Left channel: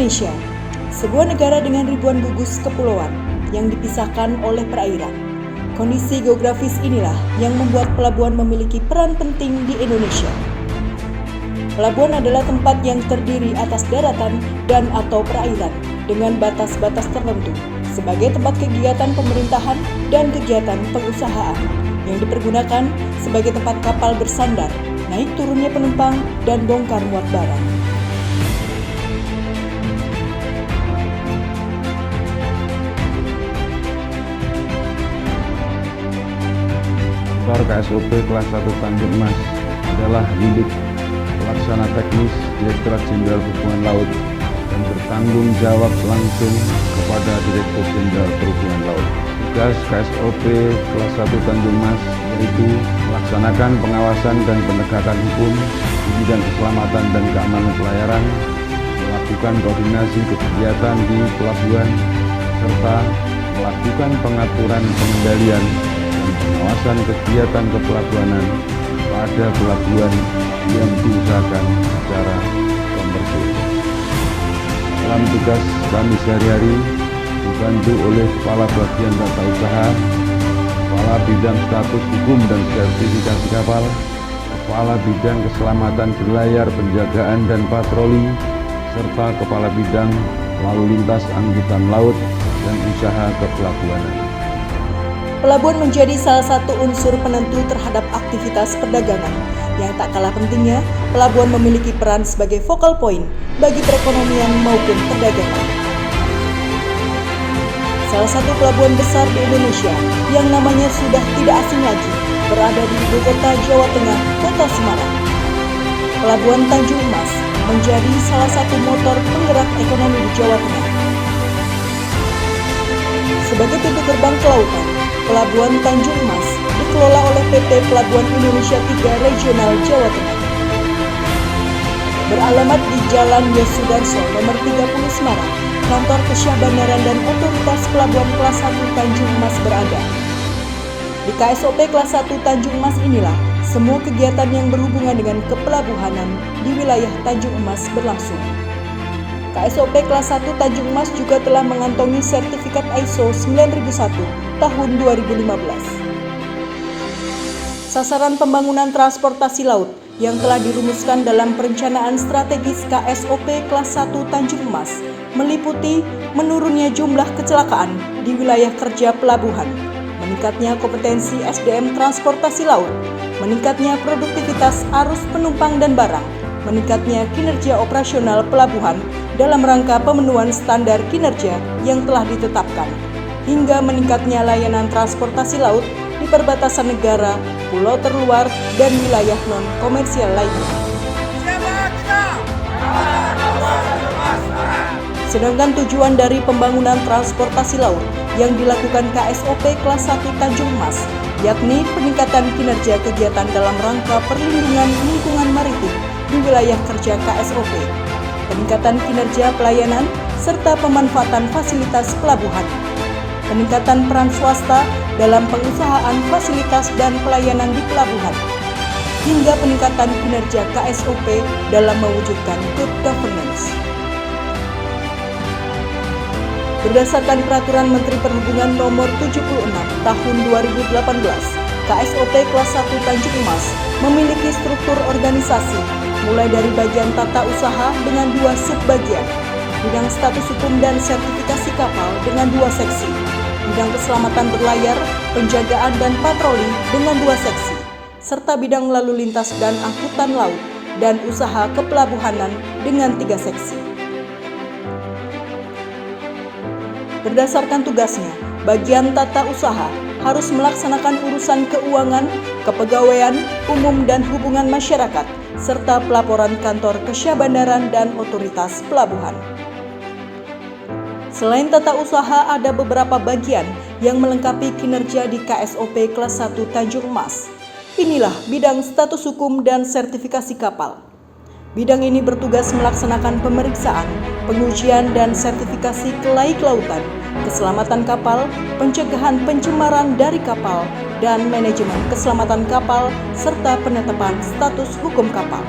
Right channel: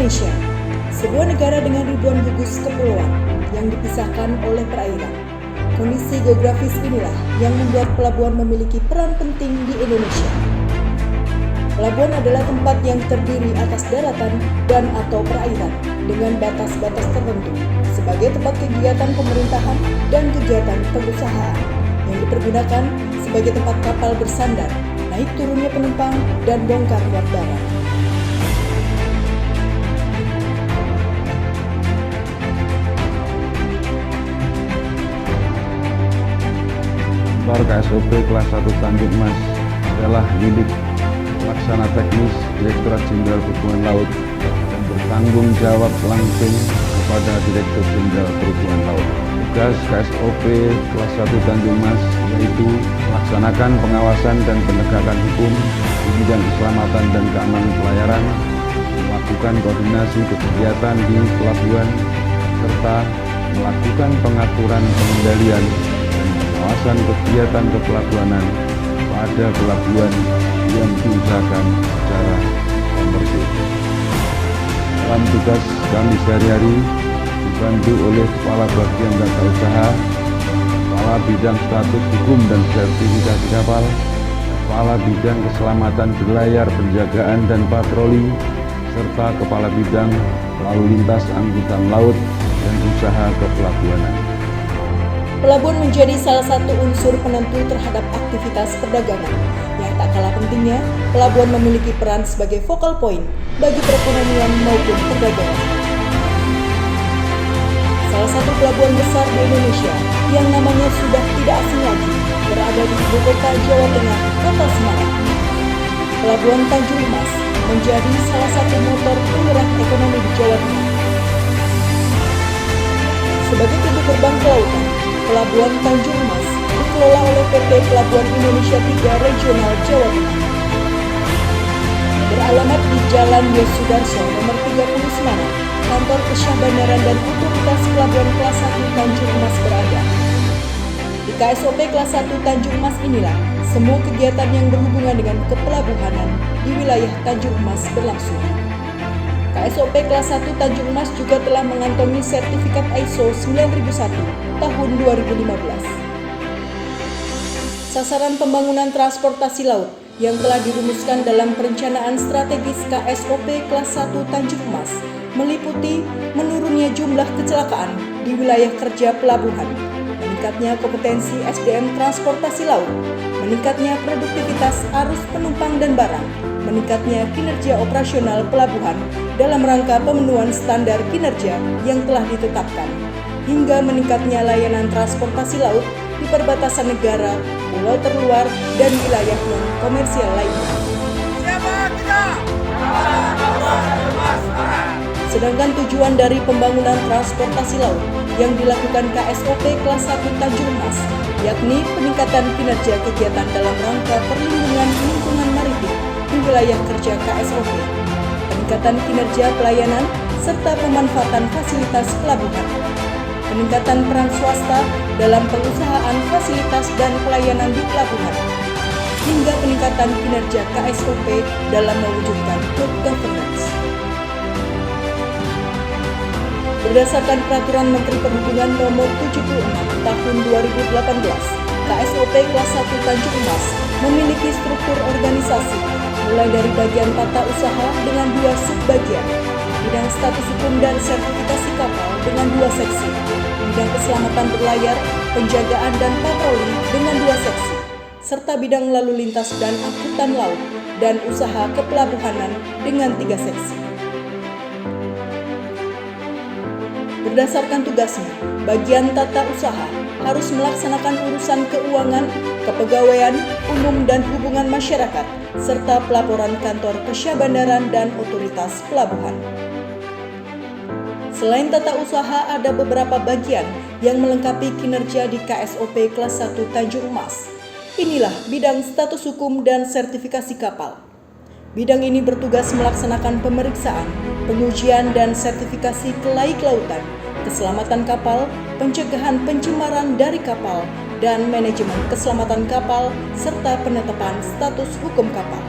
Indonesia, sebuah negara dengan ribuan gugus kepulauan yang dipisahkan oleh perairan. Kondisi geografis inilah yang membuat pelabuhan memiliki peran penting di Indonesia. Pelabuhan adalah tempat yang terdiri atas daratan dan atau perairan dengan batas-batas tertentu sebagai tempat kegiatan pemerintahan dan kegiatan pengusahaan yang dipergunakan sebagai tempat kapal bersandar, naik turunnya penumpang, dan bongkar muat barang. Kantor KSOP kelas 1 Tanjung Mas adalah unit pelaksana teknis Direktorat Jenderal Perhubungan Laut dan bertanggung jawab langsung kepada Direktur Jenderal Perhubungan Laut. Tugas KSOP kelas 1 Tanjung Mas yaitu melaksanakan pengawasan dan penegakan hukum di bidang keselamatan dan keamanan pelayaran, melakukan koordinasi kegiatan di pelabuhan, serta melakukan pengaturan pengendalian dan pengawasan kegiatan kepelabuhanan pada pelabuhan yang diusahakan secara komersil. Dalam tugas kami sehari-hari dibantu oleh Kepala Bagian Tata Usaha, Kepala Bidang Status Hukum dan Sertifikasi Kapal, Kepala Bidang Keselamatan Berlayar, Penjagaan dan Patroli, serta Kepala Bidang Lalu Lintas Angkutan Laut dan Usaha Kepelabuhanan. Pelabuhan menjadi salah satu unsur penentu terhadap aktivitas perdagangan. Yang tak kalah pentingnya, pelabuhan memiliki peran sebagai focal point bagi perekonomian maupun perdagangan. Salah satu pelabuhan besar di Indonesia yang namanya sudah tidak asing lagi berada di ibu kota Jawa Tengah, Kota Semarang. Pelabuhan Tanjung Mas menjadi salah satu motor penggerak ekonomi di Jawa Tengah. Sebagai pintu gerbang kelautan, Pelabuhan Tanjung Mas dikelola oleh PT Pelabuhan Indonesia 3 Regional Jawa Tengah. Beralamat di Jalan Yosudarso nomor 30 Semarang, kantor Kesyahbandaran dan Otoritas Pelabuhan Kelas 1 Tanjung Mas berada. Di KSOP Kelas 1 Tanjung Mas inilah semua kegiatan yang berhubungan dengan kepelabuhanan di wilayah Tanjung Mas berlangsung. KSOP Kelas 1 Tanjung Mas juga telah mengantongi sertifikat ISO 9001 tahun 2015. Sasaran pembangunan transportasi laut yang telah dirumuskan dalam perencanaan strategis KSOP Kelas 1 Tanjung Mas meliputi menurunnya jumlah kecelakaan di wilayah kerja pelabuhan, meningkatnya kompetensi SDM transportasi laut, meningkatnya produktivitas arus penumpang dan barang, meningkatnya kinerja operasional pelabuhan dalam rangka pemenuhan standar kinerja yang telah ditetapkan, hingga meningkatnya layanan transportasi laut di perbatasan negara, pulau terluar, dan wilayah non-komersial lainnya. Sedangkan tujuan dari pembangunan transportasi laut yang dilakukan KSOP Kelas 1 Tanjung Mas yakni peningkatan kinerja kegiatan dalam rangka perlindungan lingkungan maritim di wilayah kerja KSOP, peningkatan kinerja pelayanan, serta pemanfaatan fasilitas pelabuhan, peningkatan peran swasta dalam pengusahaan fasilitas dan pelayanan di pelabuhan, hingga peningkatan kinerja KSOP dalam mewujudkan good governance. Berdasarkan Peraturan Menteri Perhubungan Nomor 76 Tahun 2018, KSOP Kelas 1 Tanjung Mas memiliki struktur organisasi mulai dari bagian tata usaha dengan 2 subbagian, bidang status hukum dan sertifikasi kapal dengan 2 seksi, bidang keselamatan berlayar, penjagaan dan patroli dengan 2 seksi, serta bidang lalu lintas dan angkutan laut dan usaha kepelabuhanan dengan 3 seksi. Berdasarkan tugasnya, bagian tata usaha harus melaksanakan urusan keuangan, kepegawaian, umum dan hubungan masyarakat, serta pelaporan kantor Kesyahbandaran dan otoritas pelabuhan. Selain tata usaha, ada beberapa bagian yang melengkapi kinerja di KSOP Kelas 1 Tanjung Mas. Inilah bidang status hukum dan sertifikasi kapal. Bidang ini bertugas melaksanakan pemeriksaan, pengujian dan sertifikasi kelaik lautan, keselamatan kapal, pencegahan pencemaran dari kapal, dan manajemen keselamatan kapal, serta penetapan status hukum kapal.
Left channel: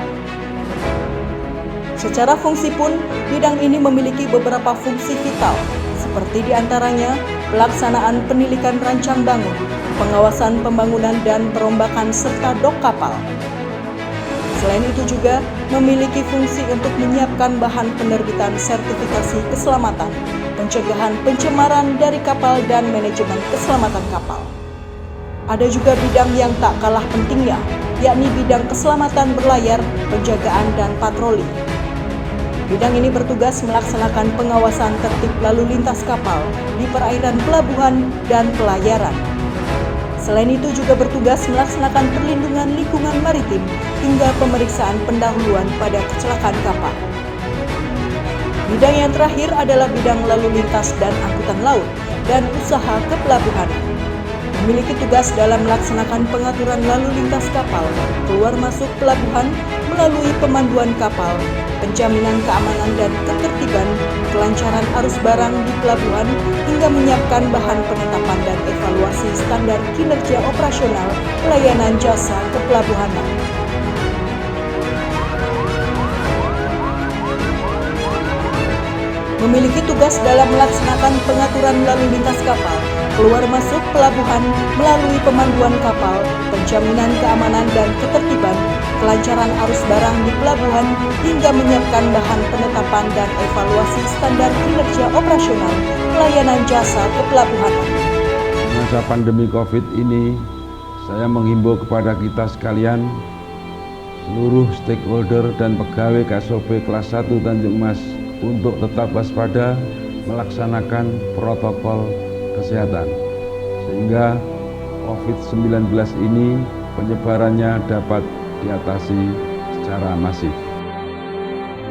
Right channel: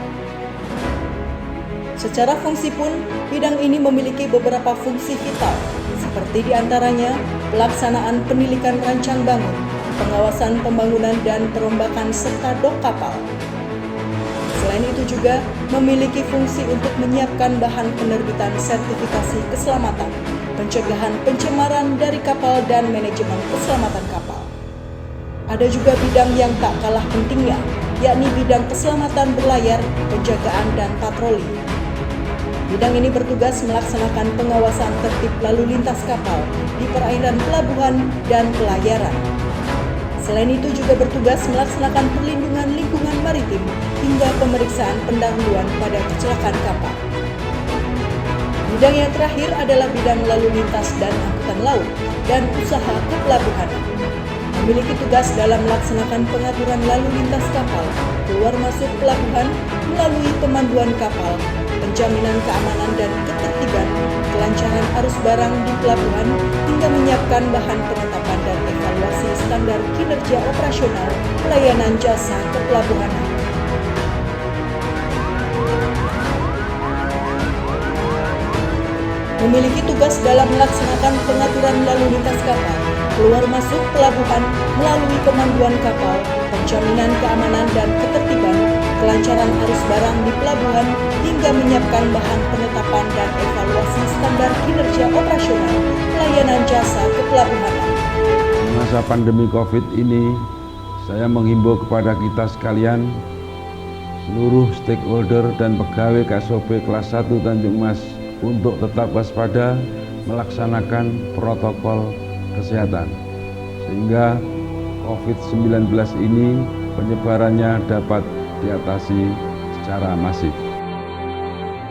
Secara fungsi pun, bidang ini memiliki beberapa fungsi vital, seperti diantaranya pelaksanaan penilikan rancang bangun, pengawasan pembangunan dan perombakan serta dok kapal. Selain itu juga memiliki fungsi untuk menyiapkan bahan penerbitan sertifikasi keselamatan, pencegahan pencemaran dari kapal dan manajemen keselamatan kapal. Ada juga bidang yang tak kalah pentingnya, yakni bidang keselamatan berlayar, penjagaan dan patroli. Bidang ini bertugas melaksanakan pengawasan tertib lalu lintas kapal di perairan pelabuhan dan pelayaran. Selain itu juga bertugas melaksanakan perlindungan lingkungan maritim hingga pemeriksaan pendahuluan pada kecelakaan kapal. Bidang yang terakhir adalah bidang lalu lintas dan angkutan laut dan usaha kepelabuhan. Memiliki tugas dalam melaksanakan pengaturan lalu lintas kapal, keluar masuk pelabuhan melalui pemanduan kapal, penjaminan keamanan dan ketertiban, kelancaran arus barang di pelabuhan, hingga menyiapkan bahan penetapan dan evaluasi standar kinerja operasional pelayanan jasa kepelabuhanan. Memiliki tugas dalam melaksanakan pengaturan lalu lintas kapal, keluar masuk pelabuhan melalui pemanduan kapal, penjaminan keamanan dan ketertiban, kelancaran arus barang di pelabuhan, hingga menyiapkan bahan penetapan dan evaluasi standar kinerja operasional pelayanan jasa kepelabuhanan. Di masa pandemi COVID ini, saya menghimbau kepada kita sekalian, seluruh stakeholder dan pegawai KSOP kelas 1 Tanjung Mas untuk tetap waspada melaksanakan protokol kesehatan, sehingga COVID-19 ini penyebarannya dapat diatasi secara masif.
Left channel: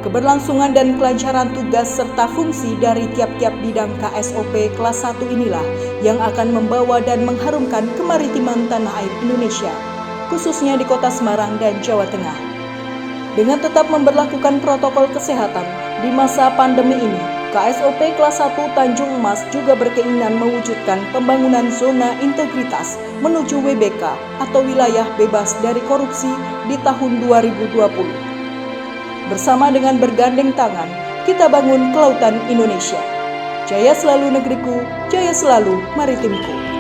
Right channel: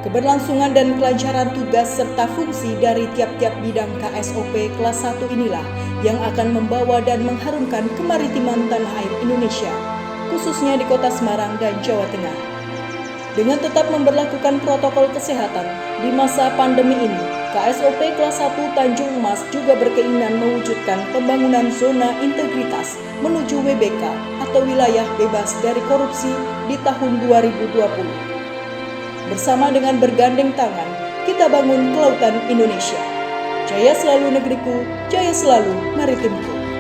Keberlangsungan dan kelancaran tugas serta fungsi dari tiap-tiap bidang KSOP kelas 1 inilah yang akan membawa dan mengharumkan kemaritiman tanah air Indonesia, khususnya di Kota Semarang dan Jawa Tengah. Dengan tetap memberlakukan protokol kesehatan di masa pandemi ini, KSOP kelas 1 Tanjung Mas juga berkeinginan mewujudkan pembangunan zona integritas menuju WBK atau wilayah bebas dari korupsi di tahun 2020. Bersama dengan bergandeng tangan, kita bangun kelautan Indonesia. Jaya selalu negeriku, jaya selalu maritimku.